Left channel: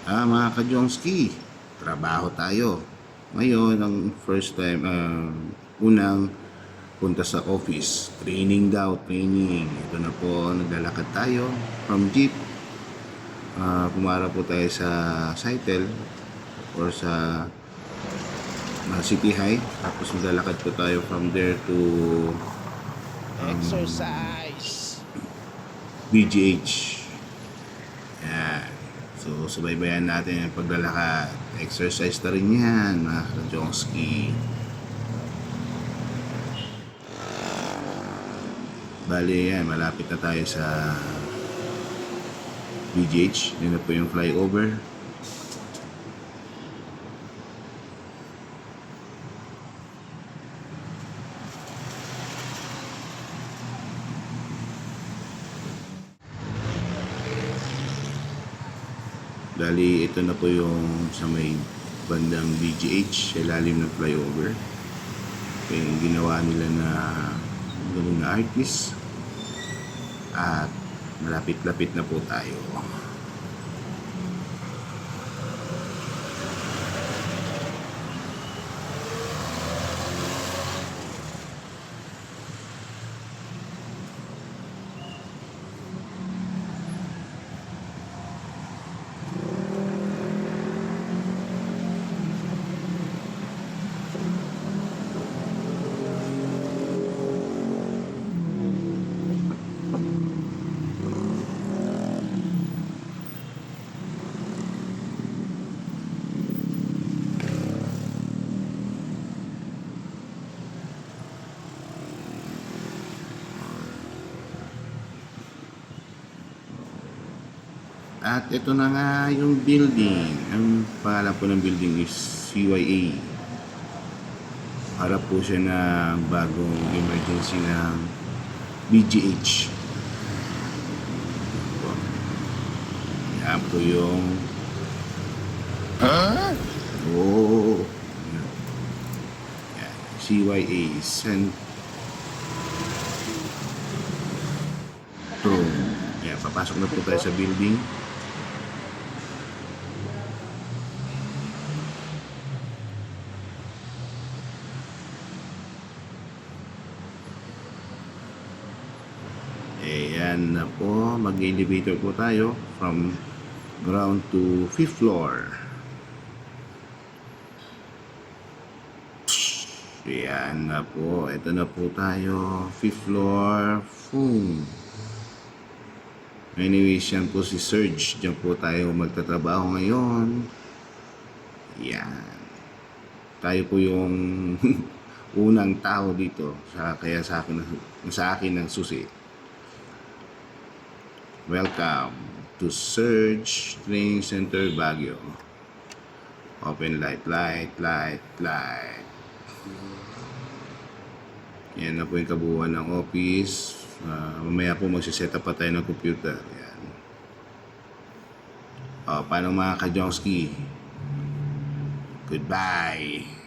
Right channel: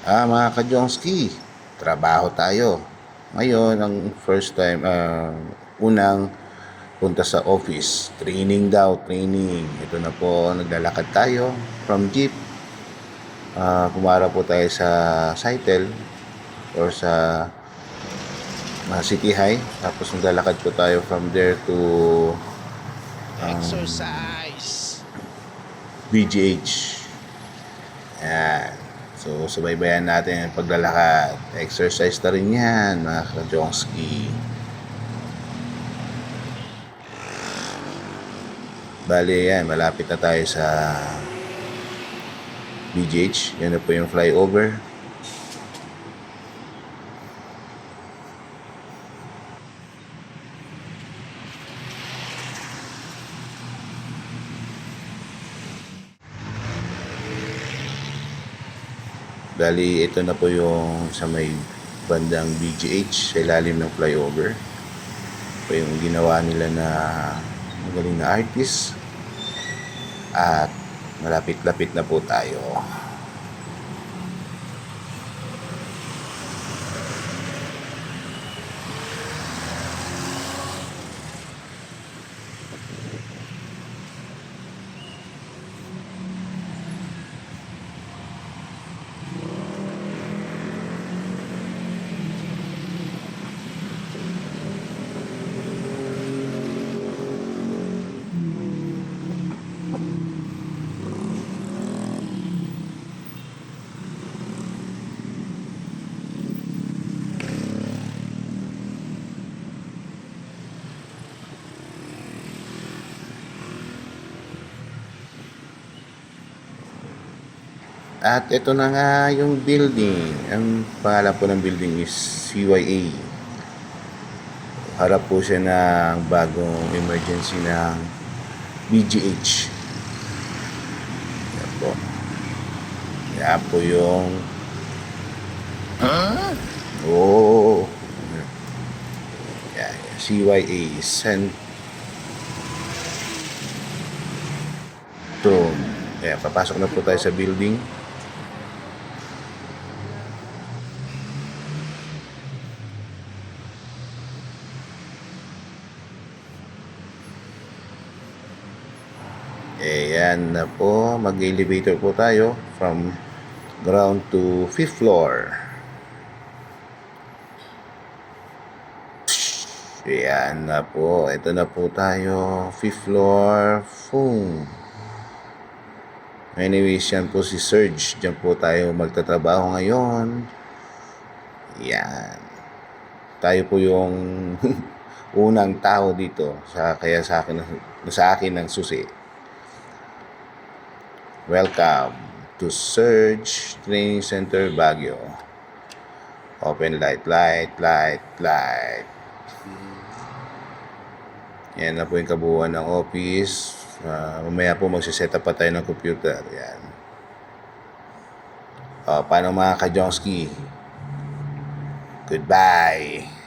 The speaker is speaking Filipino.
Mga ka-Jongski, trabaho tayo. Ngayon, ang first time, unang punta sa office. Training daw, training. Ito na po, naglalakad tayo from jeep. Pumara po tayo sa Cytel or sa City High. Tapos maglalakad po tayo from there to Exercise! BGH. Ayan. So, subaybayan natin ang paglalakad. Exercise na rin yan, mga ka-Jongski. Bali, yan. Malapit na tayo sa BGH. Yan na po yung flyover. Bali, ito na po yung sa may bandang BGH sa ilalim ng flyover. Ito yung ginawa nila na magaling na artist. At malapit-lapit na po tayo. At ito na nga yung building. Ang pangalan po ng building is CYA. Harap po siya ng bagong emergency ng BGH. Yan po. Yan po yung oh, yan, CYA Centrum. Kaya papasok na po tayo sa building. Yan na po, mag-elevator po tayo from ground to 5th floor. Yan na po, ito na po tayo, 5th floor. Boom. Anyways, yan po si Serge. Diyan po tayo magtatrabaho ngayon. Yan. Tayo po yung unang tao dito. Kaya sa akin ng susi. Welcome to Surge Training Center Baguio. Open light. Yan na po yung kabuuan ng office. Mamaya po magsiset up pa tayo ng computer. Yan. Paano mga ka-Jongski? Goodbye.